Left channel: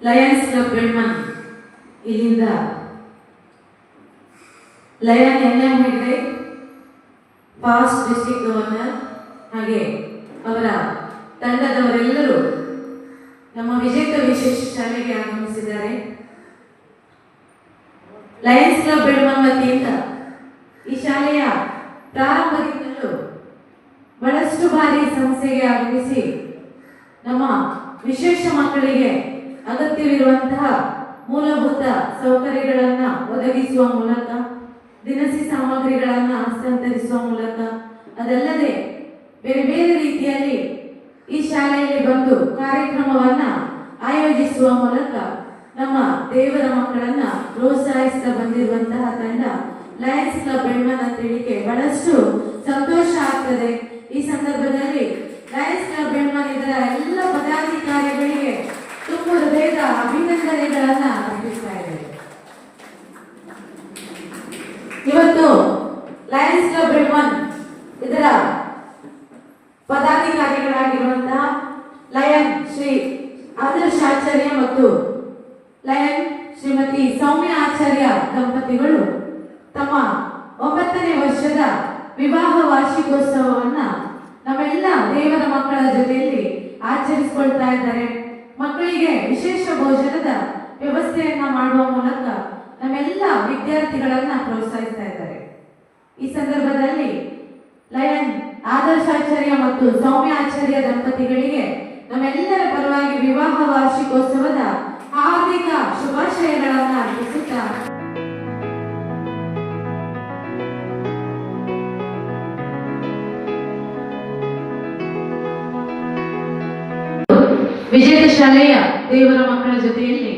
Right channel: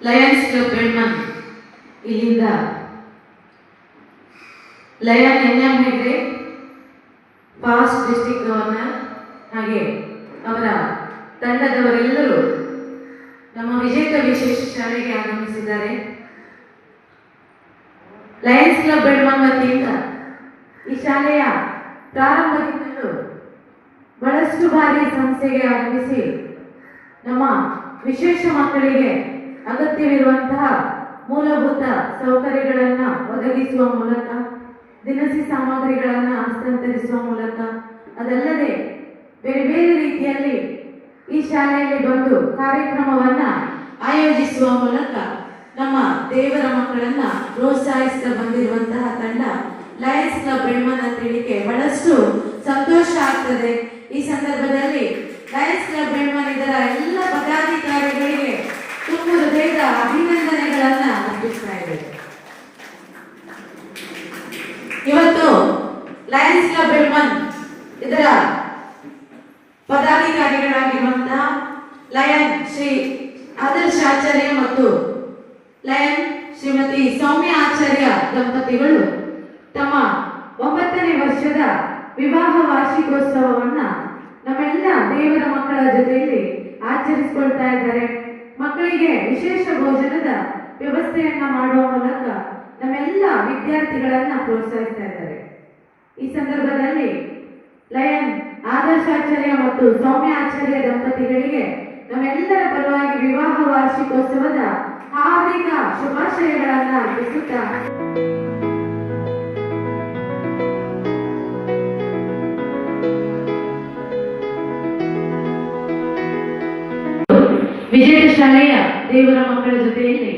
Lions club Belman ಇಲ್ಲಿಂದ lion N Hegde past district governor ಹಾಗೆ ಅವರ ತಂಡದವರೆಲ್ಲರೂ ನಮ್ಮ ವಿಜೇತ ವಿಶೇಷ ಶಾಲೆಗೆ ಆಗಮಿಸಿದ್ದಾರೆ. ಲಯನ್ಸ್ ಕ್ಲಬ್ ಬೆಳ್ಮನ್ ವತಿಯಿಂದ ಈ ಶಾಲೆಯ ಪ್ರಾರಂಭದಿಂದಲೂ ಬಹಳಷ್ಟು ಬಾರಿ ಸಂಸ್ಥೆಗೆ ಆಗಮಿಸಿ ನಮ್ಮ ವಿಶೇಷ ಮಕ್ಕಳಿಗೆ ಅಗತ್ಯವಿರುವಂತಹ ಮೂಲಭೂತ ಸೌಕರ್ಯಗಳನ್ನು ಒದಗಿಸುವ ಮೂಲಕ, ದಿನಸಿ ಸಾಮಗ್ರಿಗಳನ್ನು ಹಸ್ತಾಂತರಿಸುವ ಮೂಲಕ, ಅದಲ್ಲದೆ ಬೇರೆ ಬೇರೆ ರೀತಿಯಲ್ಲಿ ಈ ಶಾಲೆಯಲ್ಲಿ ಬಂದು ಕಾರ್ಯಕ್ರಮವನ್ನು ಆಯೋಜಿಸುವ ಮೂಲಕ ನಮ್ಮ ದೇವರ ಮಕ್ಕಳನ್ನ ಪ್ರೋತ್ಸಾಹಿಸ್ತಾ ಬಂದಿರುವಂತಹ ತಂಡ ಲಯನ್ಸ್ ಕ್ಲಬ್ ಬೆಳ್ಮನ್ ಅಂತ ಹೇಳಿಕೆ ಬಹಳಷ್ಟು ಸಂತೋಷ ಆಗ್ತದೆ. ಈ ಸಂದರ್ಭದಲ್ಲಿ ಲಯನ್ಸ್ ಕ್ಲಬ್ ಬೆಳ್ಮನ್ ಇದರ ಎಲ್ಲ ಪದಾಧಿಕಾರಿಗಳಿಗೆ ತುಂಬ ಹೃದಯದ ಅಭಿನಂದನೆಗಳನ್ನ ಅರ್ಪಿಸ್ತಾ ಇದ್ದೇವೆ. ಇವತ್ತು ಲಯನ್ಸ್ ಕ್ಲಬ್ ಬೆಳ್ಮನ್ ಇದರ ಪದಾಧಿಕಾರಿಗಳಾಗಿರುವಂತಹ ಲಯನ್ ಶ್ರೀ ಆದರ್ಶ ಆಚಾರ್ಯ ಮತ್ತು ಲಯನ್ ಶ್ರೀಮತಿ ಸೌಮ್ಯ ಆಚಾರ್ಯ ದಂಪತಿಗಳು ತಮ್ಮ 9ನೇ ವರ್ಷದ ವಿವಾಹ ವಾರ್ಷಿಕೋತ್ಸವವನ್ನ ನಮ್ಮೆಲ್ಲ ದೇವರ ಮಕ್ಕಳ ಜೊತೆಯಲ್ಲಿ ಆಚರಿಸಿಕೊಳ್ತಾ ಇದ್ದಾರೆ. ಮಕ್ಕಳಿಗೆ ವಿಶೇಷ ಭೋಜನದ ವ್ಯವಸ್ಥೆಯನ್ನ ಮಾಡುವ ಮೂಲಕ ನಮ್ಮೆಲ್ಲ ವಿದ್ಯಾರ್ಥಿಗಳನ್ನ ಪ್ರೋತ್ಸಾಹಿಸ್ತಾ ಇದ್ದಾರೆ. ಈ ಸಂದರ್ಭದಲ್ಲಿ ಲಯನ್ ಆದರ್ಶಾಚಾರ್ಯ ಮತ್ತು ಸೌಮ್ಯ ಆಚಾರ್ಯ ದಂಪತಿಗಳಿಗೆ ನಮ್ಮೆಲ್ಲರ ಪರವಾಗಿ ವಿವಾಹ ವಾರ್ಷಿಕೋತ್ಸವದ ಹಾರ್ದಿಕ ಶುಭಾಶಯಗಳನ್ನು ಅರ್ಪಿಸುತ್ತಾ ವಿಜೇತ ಶಾಲೆಯ ದೇವರ ಮಕ್ಕಳ ಜೊತೆಯಲ್ಲಿ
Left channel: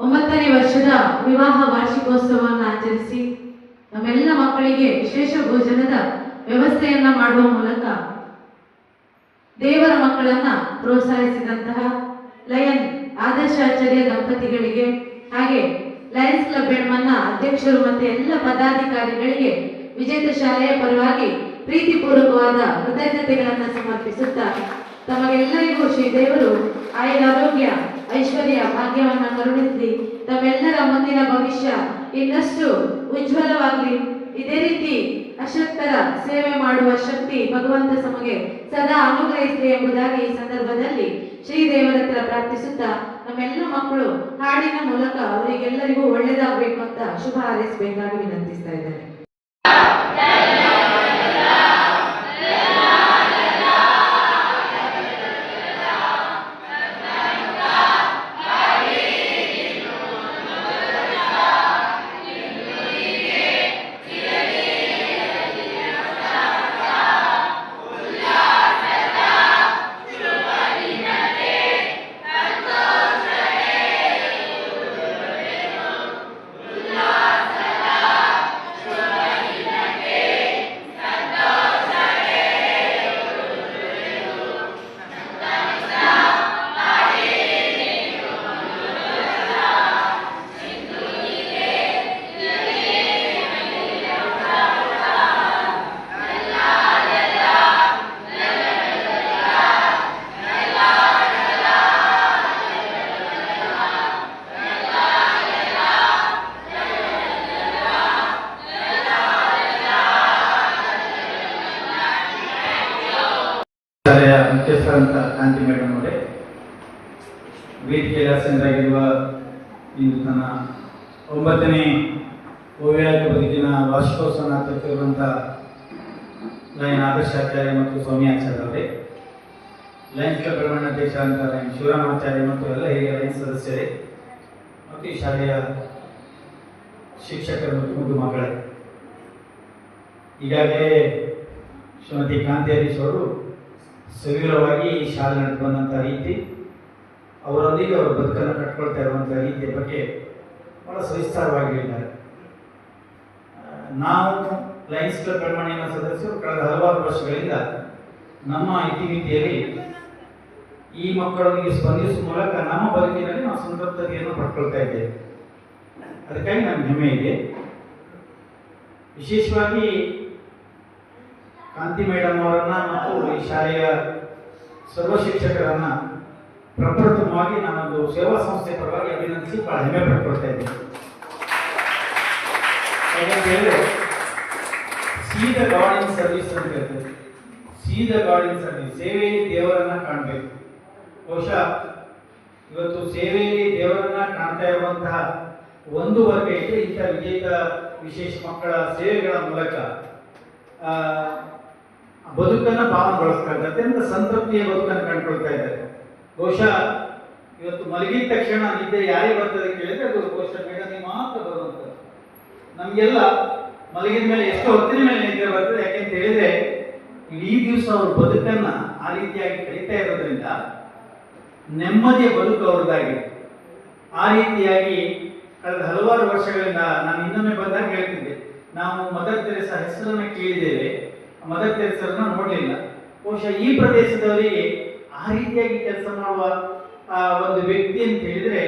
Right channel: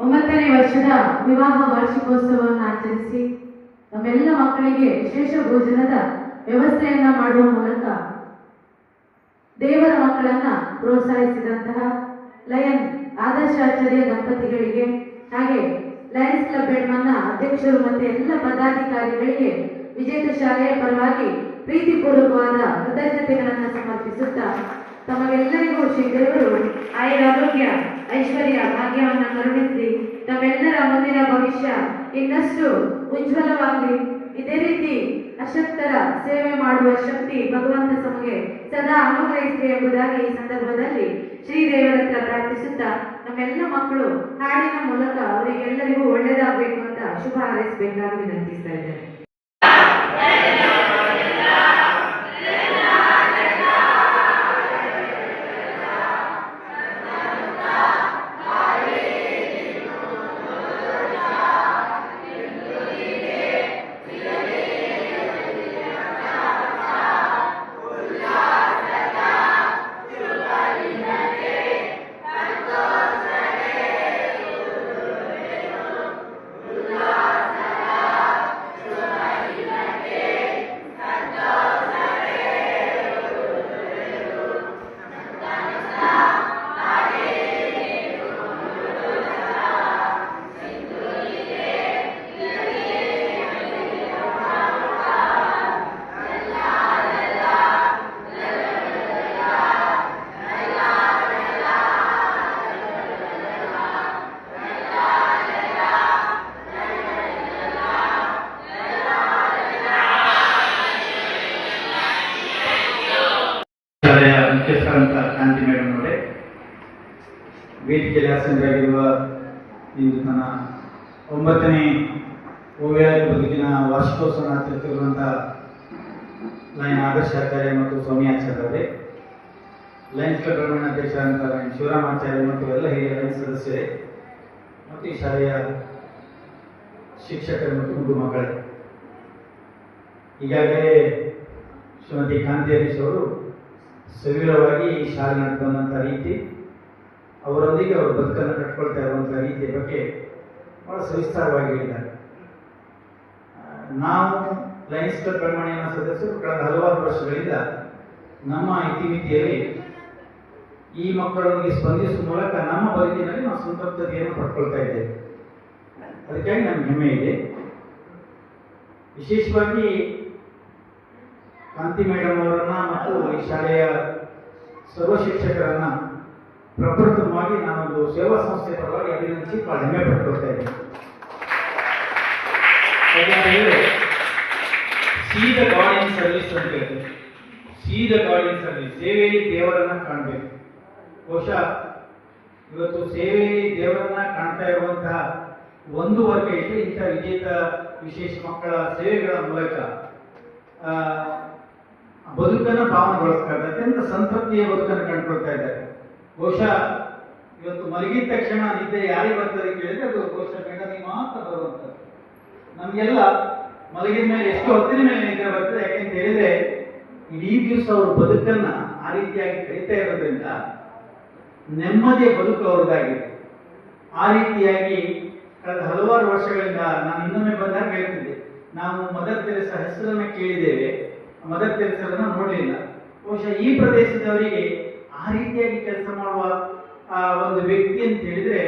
9ನೇ ವರ್ಷದ ವಿವಾಹ ವಾರ್ಷಿಕೋತ್ಸವವನ್ನು ಆಚರಿಸಿ ನಮ್ಮೆಲ್ಲ ಮಕ್ಕಳಿಗೆ ವಿಶೇಷ ಭೋಜನದ ವ್ಯವಸ್ಥೆಯನ್ನ ಮಾಡುವ ಮೂಲಕ ದೇವರ ಮಕ್ಕಳನ್ನ ಪ್ರೋತ್ಸಾಹಿಸಿದಂತಹ ಲಯನ್ ಆದರ್ಶಾಚಾರ್ಯ ದಂಪತಿಗಳಿಗೆ ಹಾಗೆ ಲಯನ್ಸ್ ಕ್ಲಬ್ ಬೆಳ್ಮನ್ನ ಅಧ್ಯಕ್ಷರು ಮತ್ತು ಎಲ್ಲ ಪದಾಧಿಕಾರಿಗಳಿಗೆ ವಿಜೇತ ಶಾಲೆಯ ಪರವಾಗಿ ಪ್ರೀತಿಪೂರ್ವಕವಾದ ಕೃತಜ್ಞತೆಗಳನ್ನು ಸಮರ್ಪಿಸುತ್ತಾ ತಮಗೆಲ್ಲರಿಗೂ ಶ್ರೀದೇವರು ಆಯುರಾರೋಗ್ಯ ಐಶ್ವರ್ಯ ಭಾಗ್ಯವನ್ನ ಕರುಣಿಸಿ ತಮ್ಮೆಲ್ಲರ ಮುಂದಿನ ಭವಿಷ್ಯ ಇನ್ನಷ್ಟು ಉಜ್ವಲವಾಗಲಿ. ಇದೇ ರೀತಿ ಅಶಕ್ತರ ಸೇವೆ ಮಾಡುವ ಶಕ್ತಿ ಭಗವಂತ ತಮಗೆ ಸದಾ ಅನುಗ್ರಹಿಸಲಿ ಎಂಬುದಾಗಿ ಈ ಸಂದರ್ಭದಲ್ಲಿ ಶ್ರೀದೇವರ ಹತ್ರ ಪ್ರಾರ್ಥಿಸುತ್ತಾ ನಮ್ಮೆಲ್ಲ ಮಕ್ಕಳು ಹಾಡಿನ ಮೂಲಕ ಅವರಿಗೆಲ್ಲರಿಗೂ ಒಳ್ಳೆಯದಾಗಬೇಕು ಅಂತ ಶುಭ ಹಾರೈಸಬೇಕಾಗಿ ವಿನಂತಿಸ್ತಾ ಇದ್ದೇನೆ. ಶಾಲೆಯ ಮುಖ್ಯಸ್ಥರಂತ ಕಾಂತಿ ಮೇಡಮ್ ಅವರೇ, ವೇದಿಕೆಯಲ್ಲಿ ಆಸೀನರಾಗಿರುವ ಈ ನನ್ನ 9ನೇ ಓವಿಯಾಯ ಬದುಕಿನ ವಾರ್ಷಿಕೋತ್ಸವ ಆಚರಿಸಿರುವಂಥ ಲಯನ್ ಆದರ್ಶಾಚಾರ್ಯ ಮತ್ತು ಸೌಮ್ಯಾಚಾರ್ಯ ಅವರೇ, ಲಯನ್ಸ್ ಕ್ಲಬ್ ಬೆಳ್ಮನ್ ಅಧ್ಯಕ್ಷ ಅಂತ ಲಯನ್ ಶಿವರಾಮಾಚಾರ್ಯ ಮತ್ತು ಎಲ್ಲ ಹಿರಿಯ ಲಯನ್ಸ್ ಸದಸ್ಯರೇ ಮತ್ತು ಈ ಶಾಲೆಯ ಶಿಕ್ಷಕರು ಮತ್ತು ಮುದ್ದು ಮಕ್ಕಳೇ, ಈಗಾಗಲೇ ಶ್ರೀಮತಿ ಕಾಂತಿ ಹರೀಶ್ ಅವರು ಸವಿರವಾಗಿ ಈ ಶಾಲೆ ನಡೆದು ಬಂದಂಥ ರೀತಿ, ಅವರೊಂದಿಗೆ ಅವರು ಬದುಕನ್ನು ಕಟ್ಕೊಳ್ತಾ ಇರುವಂಥ ರೀತಿಯ ಬಗ್ಗೆ ಬಹಳ ಸವಿಸ್ತಾರವಾಗಿ ಹೇಳಿದ್ದಾರೆ. ನಾವು ಲಯನ್ಸ್ ಕ್ಲಬ್ ಬೆಳ್ಮಣ್ಣಿನ ಸದಸ್ಯರು ಕಳೆದ ಹಲವಾರು ವರ್ಷಗಳಿಂದ ನಮ್ಮ ಇತಿಮಿತಿಯಲ್ಲಿ ಈ ಮಕ್ಕಳೊಂದಿಗೆ ಸ್ಪಂದಿಸುವ ಮೂಲಕ ನಮ್ಮ ಬದುಕಿನಲ್ಲಿ ನಾವು ಸಂತೃಪ್ತತೆಯನ್ನು ಪಡ್ಕೊಳ್ತಾ ಇದ್ದೇವೆ. ಅದಕ್ಕಾಗಿ ನಮ್ಗೆ ಹೆಮ್ಮೆ ಇದೆ. ವಿಶೇಷವಾಗಿ ಕಾಂತಿ ಮೇಡಮ್ ಅವರನ್ನ ಮತ್ತು ಈ ಶಾಲೆಯ ಸರ್ವ ಶಿಕ್ಷಕರನ್ನ ಪ್ರಪ್ರಥಮವಾಗಿ ನಾನೊಂದು ಸೇವಾ ಸಂಸ್ಥೆ ಪರವಾಗಿ ಅಭಿನಂದಿಸಿ ಬಹಳ ಹೆಮ್ಮೆ ಪಡ್ಕೊಳ್ತಾ ಇದ್ದೇನೆ. ಯಾಕಂತ ಹೇಳಿದ್ರೆ ಸೀದ ಗಾಡ್ ಇನ್ ಸರ್ವಿಸ್ ಅಂತ ಹೇಳ್ತಾರೆ. ಸೀದ ಗಾಡ್ ಇನ್ ಸರ್ವಿಸ್, ಸೇವೆಯಲ್ಲಿ ದೇವರನ್ನ ಕಾಣಬೇಕು. ಬಹುಶಃ ಇವತ್ತು ಸೇವೆಯಲ್ಲಿ ದೇವರನ್ನ ಕಾಣ್ತಾ ಇರುವಂತಹ ಒಂದು ವರ್ಗ ಇದೆ, ಇಂಥ ವಿಜೇತ ವಿಶೇಷ ಮಕ್ಕಳ ಸೇವೆಗಳ ಮೂಲಕ ಬದುಕನ್ನು ಭಾವನೆಗೊಳಿಸ್ತಾ ಇದ್ದಾರೆ, ಅತ್ಯಂತ ಸಂತೃಪ್ತಿಯ ಬದುಕನ್ನು ಕಂಡುಕೊಳ್ತಾ ಇದ್ದಾರೆ. ಬಹುಶಃ ಇವತ್ತು ಮಲಗಿದ ತಕ್ಷಣ ನಿದ್ದೆ ಯಾರಿಗೆ ಬರ್ತದೆ ಕೇಳಿದ್ರೆ ಅದು ಬಹುಶಃ ಮೇಡಮ್ ಮಾತ್ರ ಬರುವಂಥದ್ದು. ನಮಗೆಲ್ಲ ಮಲಗಿದ ಮೇಲೆ ಎಷ್ಟೋ ಹೊತ್ತಿನ ಮೇಲೆ ನಿದ್ದೆ ಬರ್ತದೆ, ಯಾಕೆಂತ ಹೇಳಿದ್ರೆ ಇಡೀ ದಿವಸ ಅವ್ರ ಬದುಕನ್ನ ಆ ರೀತಿಯಾಗಿ ಕಳೀತಾ ಇರೋದ್ರಿಂದ ನೆಮ್ಮದಿಯ ಬದುಕು ಅವ್ರದ್ದಾಗಿದೆ. ಆ ರೀತಿಯಾಗಿ ಕಳೆದ ಹಲವಾರು ವರ್ಷಗಳಿಂದ ನಾನು ಇನ್ನೊಮ್ಮೆ ಬಂದಾಗ ಹೇಳ್ತಿದ್ದೆ, ನಾವು ಮದರ್ ತೆರೇಸಾ ಹೆಸರನ್ನ ಕೇಳಿದ್ದೇವೆ, ಮದರ್ ತೆರೇಸರನ್ನ ನೋಡಲಿಲ್ಲ. ಬಹುಶಃ ಈ ಪ್ರದೇಶದವರಿಗೆ ಆ ರೀತಿಯಾಗಿ ಕೆಲಸ ಮಾಡುವ ಒಂದು ವ್ಯಕ್ತಿ ಅಂತ ಹೇಳಿದ್ರೆ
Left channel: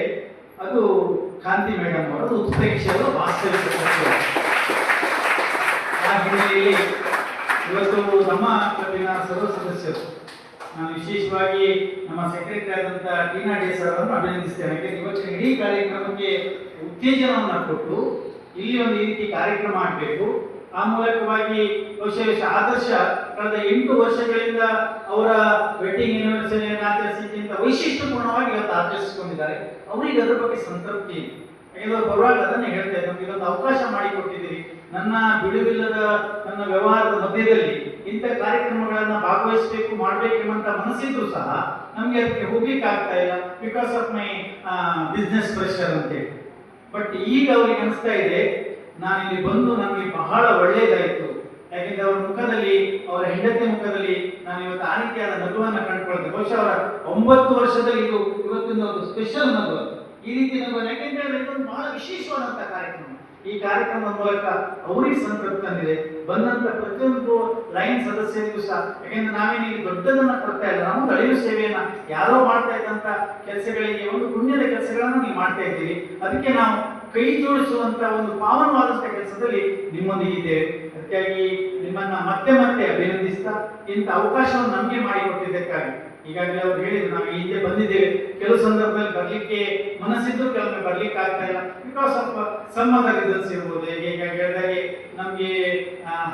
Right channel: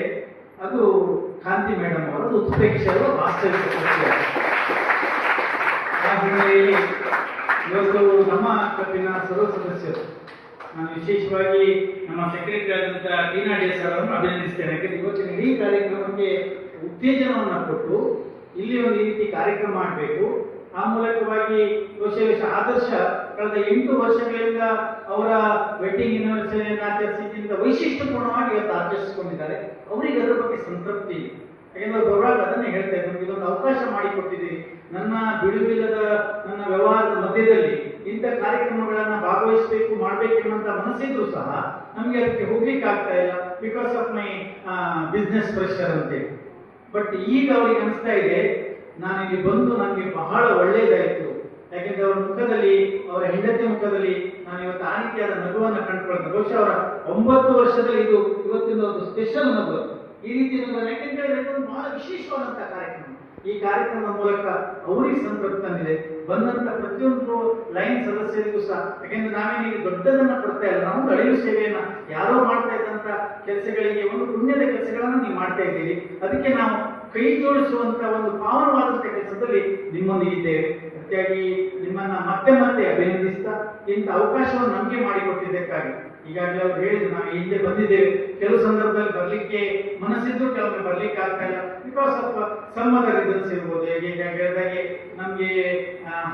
ಅದು ಕಾಂತಿ ಮೇಡಮ್ ಅವರು, ಉತ್ಪ್ರೇಕ್ಷೆಯ ವಾಸ್ತವಿಕ ಸತ್ಯ. ಆ ಹಿನ್ನೆಲೆಯಲ್ಲಿ ಇವತ್ತು ನಮ್ಮ ಕ್ಲಬ್ಬಿನ ಸರ್ವ ಸದಸ್ಯರು, ನಾನು ವಿಶೇಷವಾಗಿ ನಮ್ಮ ಸೆಕ್ರೆಟರಿ ಆದಂಥ ಟೀನಾ ಡಿಎಸ್ ಅವರನ್ನು ಅಭಿನಂದಿಸ್ತೇನೆ. ಯಾಕೆಂದ್ರೆ ಇವತ್ತಿನ ಇಡೀ ಕಾರ್ಯಕ್ರಮಕ್ಕೆ ಉತ್ತೇಜನವನ್ನು ಕೊಟ್ಟು ಇಲ್ಲಿ ಒಂದು ಈ ರೀತಿ ಕಾರ್ಯಕ್ರಮ ಮಾಡಬೇಕು, ಆ ಮೂಲಕವಾಗಿ ಬಹುಶಃ ಆದರ್ಶ ಕಳೆದ 8 ವರ್ಷಗಳಿಂದ ಅವರ ವೆಡ್ಡಿಂಗ್ ಆನಿವರ್ಸರಿಯನ್ನು ಆಚರಿಸಿದ್ದಿಂದ ವೈಶಿಷ್ಟ್ಯಪೂರ್ಣವಾಗಿ ಇವತ್ತು ಆಚರಿಸಿಕೊಂಡಿದ್ದಾರೆ. ಅವರಿಗೆ ಅದರ ಬಗ್ಗೆ ಸಂತೃಪ್ತಿ ಇದೆ. ಯಾಕೆಂದ್ರೆ ಬರುವಾಗ ಅದನ್ನೇ ಹೇಳ್ತಾ ಇದ್ದಾರೆ, ನಮಗೆ ಒಂದು ಅವಕಾಶ ಮಾಡಿಕೊಟ್ಟಿದ್ದೀರಿ, ನನ್ನ ಬಿಡುವಿಲ್ಲದ ನನ್ನ ವ್ಯವಹಾರದ ಮಧ್ಯದಲ್ಲಿ ಇಂಥ ಕಾರ್ಯಕ್ರಮಗಳನ್ನ ಭಾಗವಹಿಸಬೇಕು ಮಾಡಬೇಕೆಂಬಂತ ಮನಸ್ಸಿದ್ರು ಸಹ ನಮಗೆ ಅದಕ್ಕೆ ಹೋಗ್ಲಿಕ್ಕೆ ಆಗ್ತಾ ಇಲ್ಲ, because of my business pressure ಅಂತೇಳಿ. ಬಟ್ ಈಗ ಅವ್ರಿಗೆ ಅನಿಸ್ತಾ ಇದೆ, ನಾನು ಇಲ್ಲಿ ಬಂದು ನನಗೆ ಬಹಳ ಒಳ್ಳೆಯದಾಯಿತು. ಯಾಕೆಂದ್ರೆ ಅವರ ಮುಖದಲ್ಲಿ, ಅವರ ಹೆಂಡತಿ ಮುಖದಲ್ಲಿ ನಾನು ಇವತ್ತು ಆ ರೀತಿಯಾದ ನಗುವನ್ನು ಕಂಡುಕೊಳ್ತೇನೆ. ಬಹುಶಃ ಅವರ 9 ವರ್ಷದಲ್ಲಿ ಇದು ಇವತ್ತಿನ ಒಂದು ಸ್ಪೆಷಲ್ ನಗು, ಈ ರೀತಿ ನಗು. ಯಾಕೆಂದ್ರೆ ಇದೊಂದು ಬಹಳ ವಿಶೇಷವಾದಂತಹ ಕಾರ್ಯಕ್ರಮ. ಈ ಕಾರ್ಯಕ್ರಮದ ಮೂಲಕ ಅವರಿಗೆ ಸಂತೃಪ್ತಿ ತಂದಿದೆ. ಬಂದಂತ ಪ್ರತಿಯೊಂದು ಲೈನ್ ಸದಸ್ಯರಿಗೂ ಸಹ, ಯಾಕೆಂದ್ರೆ ನಾವೇನೀಗ ದೊಡ್ಡದನ್ನ ಕೊಡ್ತಾ ಇಲ್ಲ, ನಾವು ಅಳಿವು ಸೇವೆಯನ್ನ ಯಾರೋ ಮಾಡ್ತಾ ಇದ್ದಂತ ಕೆಲಸಗಳಿಗೆ ಒಂದು ಪುಣ್ಯದ ಕೆಲಸಗಳನ್ನ ನೀವು ಮಾಡ್ತಾ ಇದ್ದೀರಿ. ಅದಕ್ಕೆ ನಾವು ಕೈ ಜೋಡಿಸುವಂತ ಒಂದು ಪಾವನವಾದಂತ ಕೆಲಸದಲ್ಲಿ ನಿಮ್ಮೊಂದಿಗಿದ್ದೇವೆ. ಅದಕ್ಕಾಗಿ ನಿಮ್ಮನ್ನ ಮತ್ತೆ ಮತ್ತೆ ಅಭಿನಂದಿಸ್ತಾ ಇಂಥ ಅವಕಾಶವನ್ನು ನಮಗೆ ಮಾಡಿಕೊಟ್ಟಿದ್ದಕ್ಕಾಗಿ. ಈಗಾಗಲೇ ಅವ್ರು ಹೇಳಿದ್ರು, ನಾವು ಹಿಂದೆ ಬಂದಿದ್ದೇವೆ, ಕೆಲವು ಸಂದರ್ಭದಲ್ಲಿ ಬರ್ಲಿಕ್ಕೆ ಮನಸ್ಸಿದ್ರು, ಕೆಲವೊಮ್ಮೆ ಬರ್ಲಿಕ್ಕೆ ಆಗ್ತಾ ಇಲ್ಲ, because of some other reasons ಇರ್ಬೋದು. ಈಗ ಹೇಳಿದಾಗೆ ನಮ್ಗೆ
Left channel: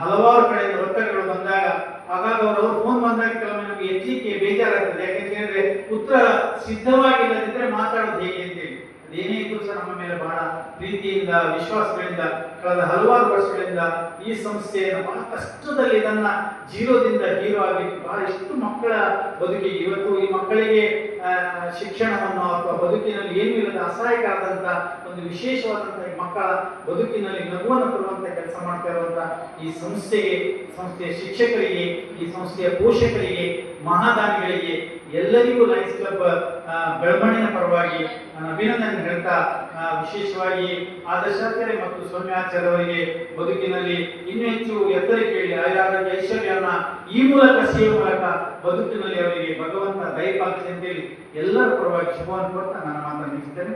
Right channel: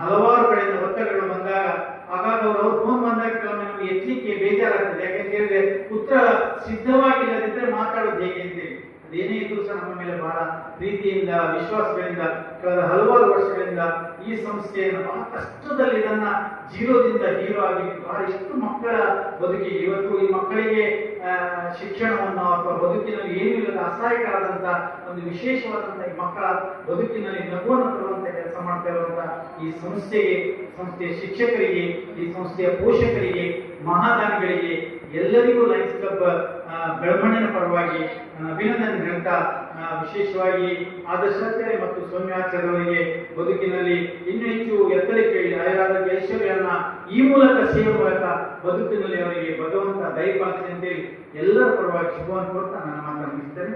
ಹಲವಾರು ಕಡೆಯಿಂದ ಒತ್ತಡಗಳು ಬಂದಾಗ, ಆಗಾಗ ಅವರು ಫೋನ್ ಬಂದಾಗ ಕೆಲವೊಮ್ಮೆ ನಮ್ಗೆ ಹೆಚ್ಚಿಗೆ ಬೇಜಾರಾಗ್ತದೆ. ಯಾಕಂತ ಹೇಳಿದ್ರೆ ಉತ್ತರ ಸಿದ್ಧವಾಗಿಲ್ಲದಿದ್ರೆ ಮಾತಾಡೋದು ಹೇಗೆ ಅಂತೇಳಿ. ಅದೇನೇ ಇದ್ರೂ ಸಹ ನಮ್ಮ ಮೇಲೆ ಬಹಳ ಪ್ರೀತಿಯಿಂದ, ವಿಶ್ವಾಸಗಳಿಂದ ಕಳೆದ ಹಲವಾರು ವರ್ಷಗಳಿಂದ ಈ ಸಂಸ್ಥೆಯನ್ನು ಬಹಳ ಕಷ್ಟದಲ್ಲಿ ಇದನ್ನ ಜೀರೋದಿಂದ ಹೀರೋ ಆಗಲಿಕ್ಕೆ ಬಹಳ ಎಷ್ಟು ಮಕ್ಕಳ ಬದುಕಿಗೆ, ಇವತ್ತು ಈ ಮಕ್ಕಳಿಗೆ ಶಿಕ್ಷಣವನ್ನು ಅಥವಾ ಬದುಕಿನಲ್ಲಿ ಏನೂ ಇಲ್ಲದ ಅಸಹಾಯಕರಾದಂತ ಒಂದು ವಿಶೇಷವಾದಂತಹ ಈ ಮಕ್ಕಳ ಬದುಕಿನಲ್ಲಿ ನಗುವನ್ನು ತರುವಂತ ಕೆಲಸ ಮಾಡ್ತಾ ಇರುವಂತಹ ಈ ಸಂಸ್ಥೆಗೆ, ಸಂಸ್ಥೆಯ ಶಿಕ್ಷಕರಿಗೆ, ಈ ಸಂಸ್ಥೆಯ ಪೋಷಕರಿಗೆ, ಮಹಾದಾನಿಗಳಿಗೆ ಎಲ್ಲರಿಗೂ ಲಯನ್ಸ್ ಕ್ಲಬ್ ಬೆಳವಣಿಗೆಯ ಪರವಾಗಿ ನಾನು ಅಭಿನಂದನೆ ಹೇಳ್ತಾ, ವಿಶೇಷವಾಗಿ ಆದರ್ಶಾಚಾರ್ಯ ಮತ್ತು ಸೌಮ್ಯಾಚಾರ್ಯ ಅವರಿಗೆ ಬದುಕಿನಲ್ಲಿ ಇನ್ನೂ ಹೆಚ್ಚು ಎತ್ತರಕ್ಕೆ ಹೇಳಿ ಆಯುರಾರೋಗ್ಯ ಐಶ್ವರ್ಯನ ಈ ಮೂಲಕ ಸೇವೆ ಮೂಲಕ ಬದುಕಿನಲ್ಲಿ ಅವರಿಗೆ ಭಗವಂತ ದಯಪಾಲಿಸಿ ಅಂತೇಳಿ ಎಲ್ಲರ ಪರವಾಗಿ ಶುಭವನ್ನು ಕೊಡ್ತಾ ನಾನು ಮಾತನ್ನು ಮುಗಿಸ್ತೇನೆ.